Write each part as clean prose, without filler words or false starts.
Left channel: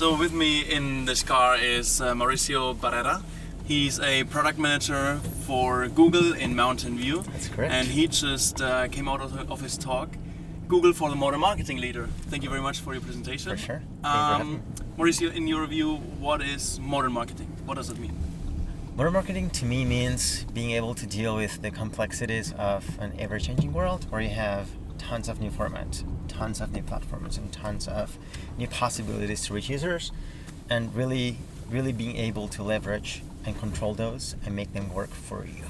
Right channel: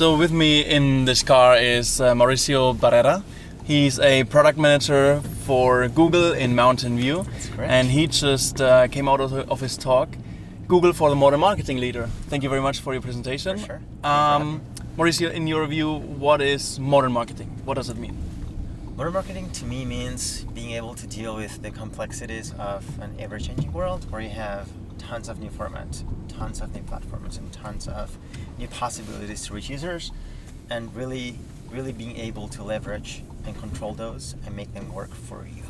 So with me in this car is Mauricio Barrera. He's a product manager for Google in Mountain View. That's correct. And he just came out of his talk, Google for the Modern Marketing Leader. Thank you very much for your presentation. For sure. Thank you for having me. Mauricio, in your view, what is modern marketing? What does it mean? Modern marketing to me means being able to deal with the complexities of an ever-changing world where you have tons of new formats, tons of new platforms, and tons of new possibilities to reach users, and really being able to leverage and control those and make them work for you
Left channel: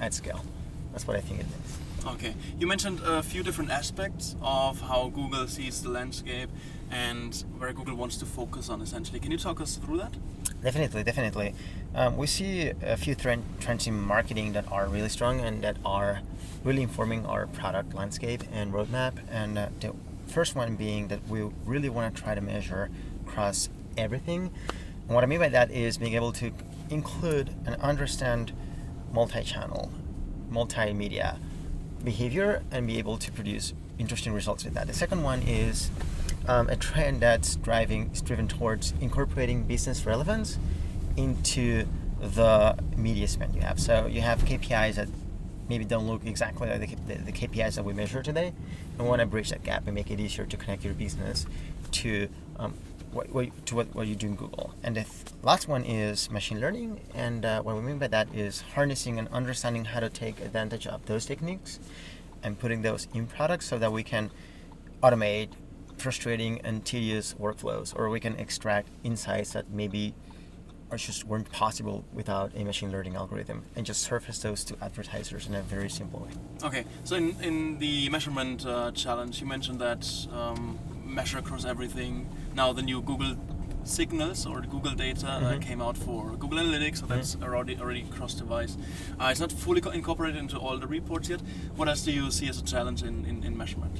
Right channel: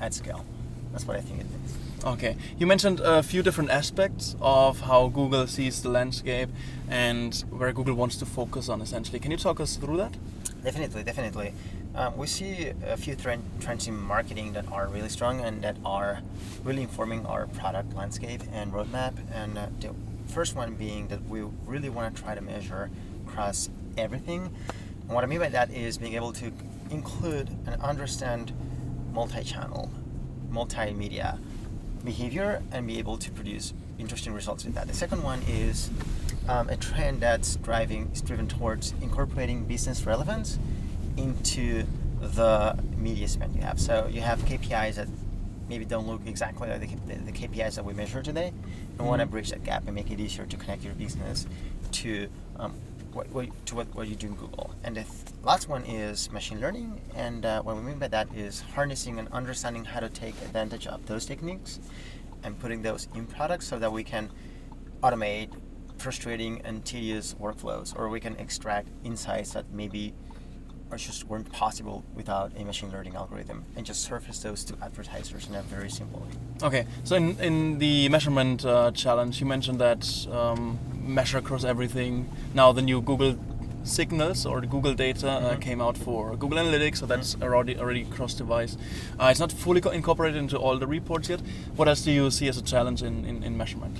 at scale. That's what I think it means. Okay, you mentioned a few different aspects of how Google sees the landscape and where Google wants to focus on essentially. Can you talk us through that? Definitely. We see a few trends in marketing that are really strong and that are really informing our product landscape and roadmap. And the first one being that we really want to try to measure across everything. And what I mean by that is being able to include and understand multi-channel, multimedia behavior and be able to produce interesting results with that. The second one is a trend that's driven towards incorporating business relevance into the media spend you have. So you have KPIs that maybe don't look exactly like the KPIs that we measure today, and we want to bridge that gap and make it easier to connect your business to what you do in Google. And the last one is machine learning, and what we mean by that is harnessing and understanding how to take advantage of those techniques and putting those in products so that we can automate frustrating and tedious workflows, or we can extract insights that maybe weren't possible without a machine learning algorithm, and just surface those to advertisers in a very simple way. Okay, so in the measurement challenge, you mentioned that measure across everything. Now the new Google signals or the Google data came out for Google Analytics, so that's already cross-device. It's not fully incorporated into all the reports yet. What else do you see as a challenge in measurement?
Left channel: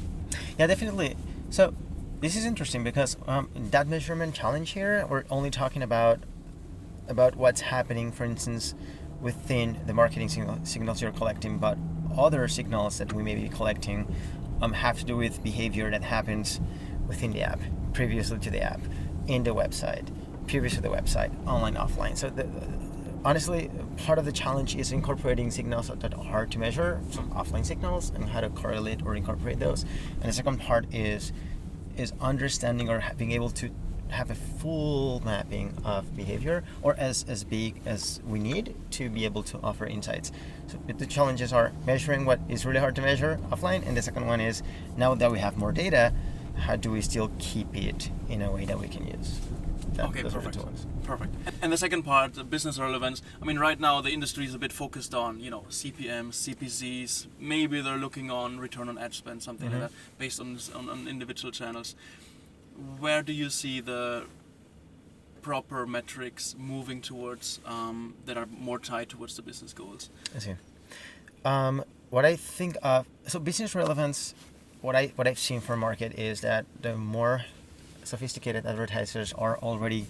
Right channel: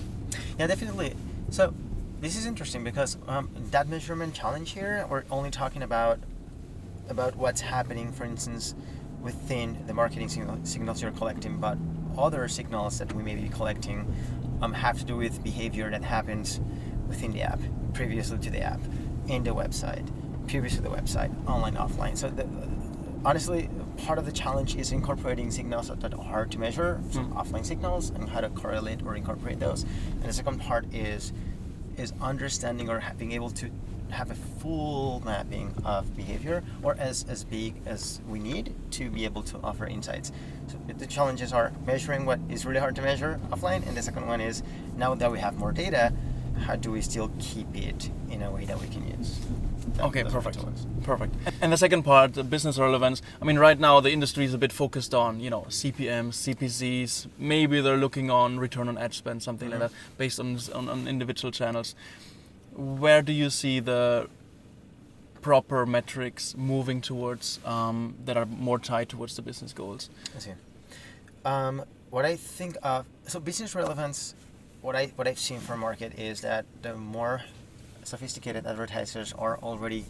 Yeah, definitely. So this is interesting because that measurement challenge here, we're only talking about what's happening, for instance, within the marketing signals you're collecting, but other signals that we may be collecting have to do with behavior that happens within the app, previously to the app, in the website, previous to the website, online, offline. So honestly, part of the challenge is incorporating signals that are hard to measure, so offline signals, and how to correlate or incorporate those. And the second part is understanding or being able to have a full mapping of behavior, or as big as we need to be able to offer insights. So the challenges are measuring what is really hard to measure offline, and the second one is, now that we have more data, how do we still keep it in a way that we can use? Okay, perfect. And the second part, the business relevance. I mean, right now the industry is a bit focused on, CPMs, CPCs. Maybe they're looking on return on ad spend, something like that, based on individual channels. Where do you see the proper metrics moving towards that are more tied towards the business goals? I see. What I think of, so business relevance, what I've seen for market is that the more sophisticated advertisers are already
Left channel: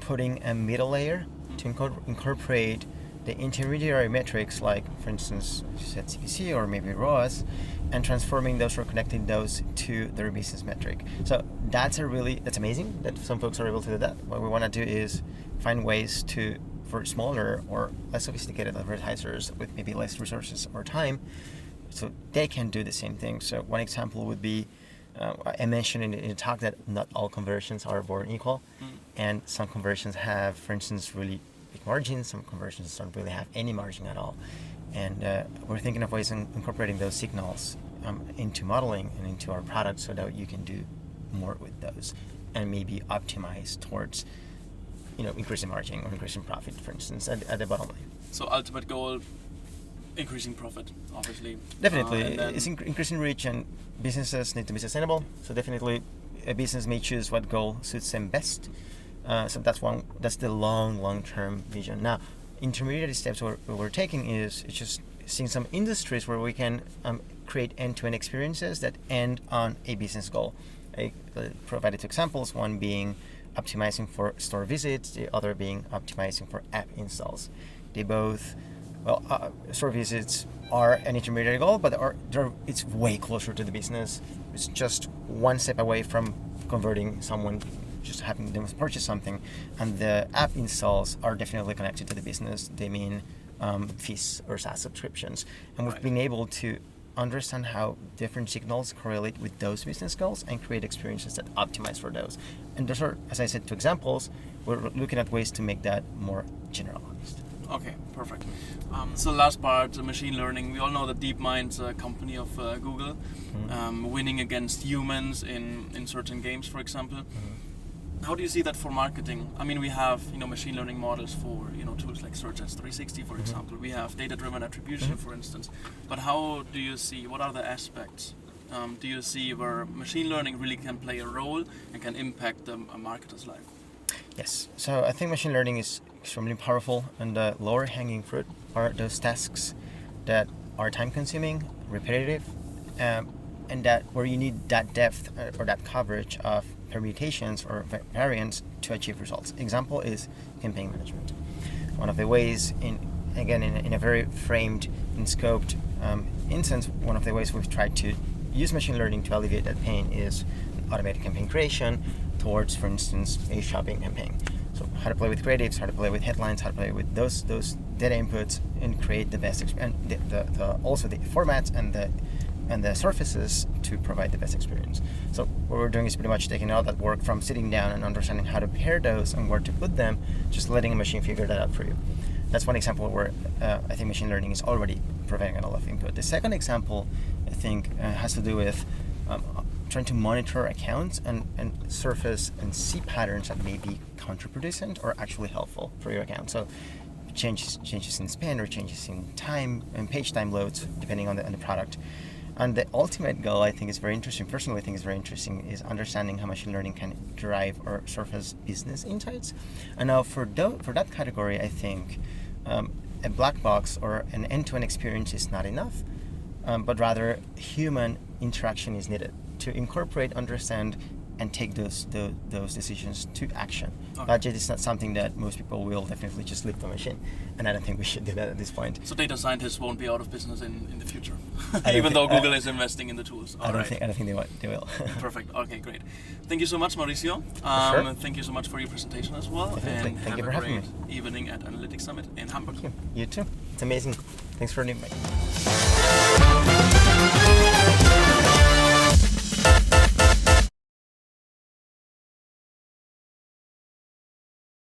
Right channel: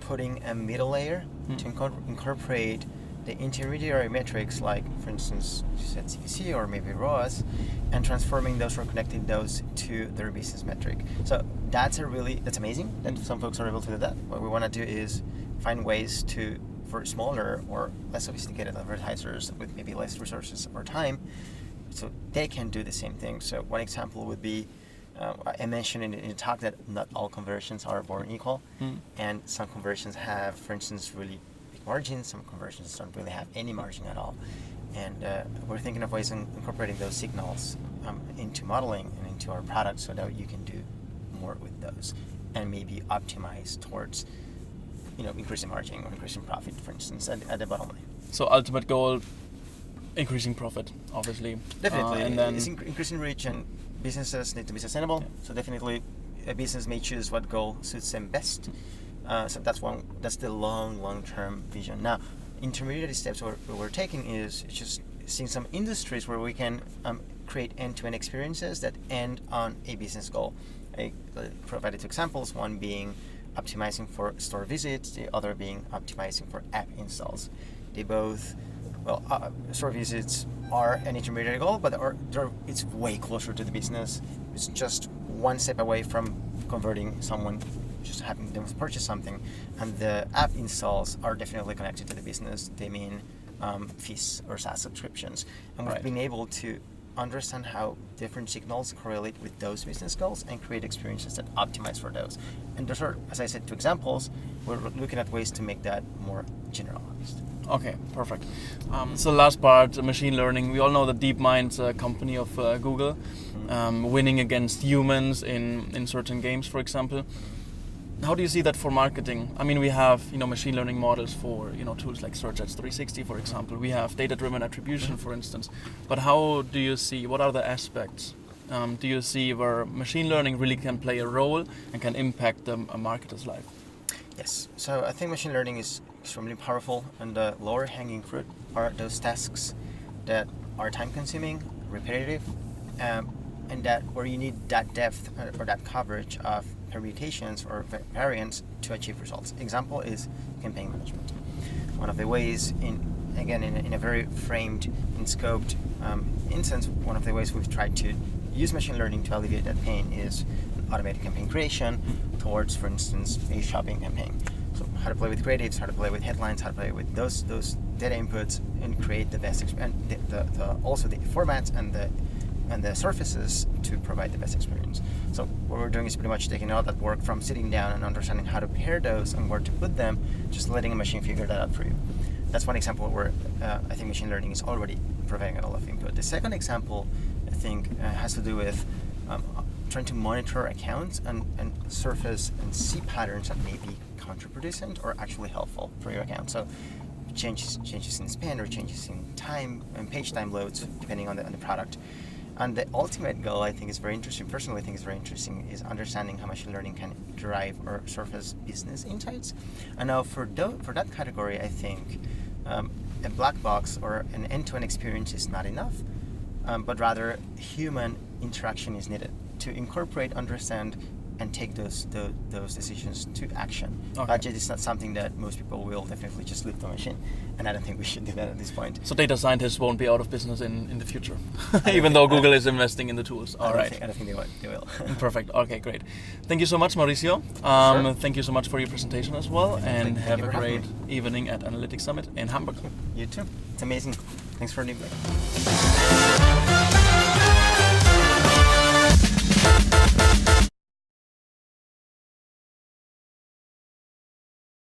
putting a middle layer to incorporate the intermediary metrics, like for instance you said CPC or maybe ROAS, and transforming those or connecting those to their business metric. So that's amazing that some folks are able to do that. What we want to do is find ways for smaller or less sophisticated advertisers with maybe less resources or time, so they can do the same thing. So one example would be, I mentioned in the talk that not all conversions are born equal, and some conversions have, for instance, really big margins. Some conversions don't really have any margin at all. And we're thinking of ways of incorporating those signals into modeling and into our products so that you can do more with those and maybe optimize towards increasing margin or increasing profit, for instance, at the bottom line. So ultimate goal, increasing profit, obviously. Definitely. It's increasing reach, and businesses need to be sustainable. Yeah. So definitely a business may choose what goal suits them best. So that's the long-term vision. Now, intermediate steps we're taking is just seeing some industries where we can create end-to-end experiences that end on a business goal. I provided two examples, one being optimizing for store visits, the other being optimizing for app installs. They both, store visits are an intermediate goal, but it's way closer to the business. It's just one step away from converting someone just having them purchase something, and the app installs are definitely connected to the business. They mean fees or SaaS subscriptions, and we've been able to understand how different signals correlate with those business goals and create experiences that optimize for those. And those are, as I said, 2 examples. We're looking at ways to make that more generalized. Okay, perfect. So last part, machine learning. We all know that DeepMind's a company of Google, winning against humans in certain games, for example. How do you see that for marketing? I mean, we have machine learning models for tools like Search Ads 360, for example. We have data-driven attribution, for instance. But how do you see? What are the aspects? Do you see where machine learning really can play a role and can impact a marketer's life? Yes. So I think machine learning is extremely powerful, and the lower hanging fruit are those tasks that are time-consuming, repetitive, and that where you need that depth or that coverage of permutations or variants to achieve results. Example is campaign management. One of the ways, in a very framed and scoped instance, one of the ways we've tried to use machine learning to alleviate that pain is automated campaign creation towards, for instance, a shopping campaign. So how to play with creatives, how to play with headlines, how to play with those data inputs and create the best and also the formats and the surfaces to provide the best experience. So what we're doing is pretty much taking all that work from sitting down and understanding how to pair those and where to put them, just letting a machine figure that out for you. That's one example where I think machine learning is already providing a lot of input. The second example, I think, has to do with trying to monitor accounts and surface and see patterns that may be counterproducent or actually helpful for your account. So changes in spend or changes in time and page time loads, depending on the product. And the ultimate goal, I think, is very interesting. Personally, I think is very interesting is understanding how machine learning can drive or surface business insights. And now for that category, I think a black box or an end-to-end experience is not enough, but rather human interaction is needed to incorporate, understand, and take those decisions to action. Okay. Budget is not something that most people will definitely just leave the machine, and I don't think we should do that at this point. So data scientists won't be out of business in the future, even though Google is investing in the tools. I don't think they will. Perfect. Okay, great. Thank you so much, Mauricio. Sure. Thank you so much for your presentation as well, Definitely. and Thank have you a for having great evening at Analytics Summit in Hamburg. You too. It's amazing. Thanks for the invite.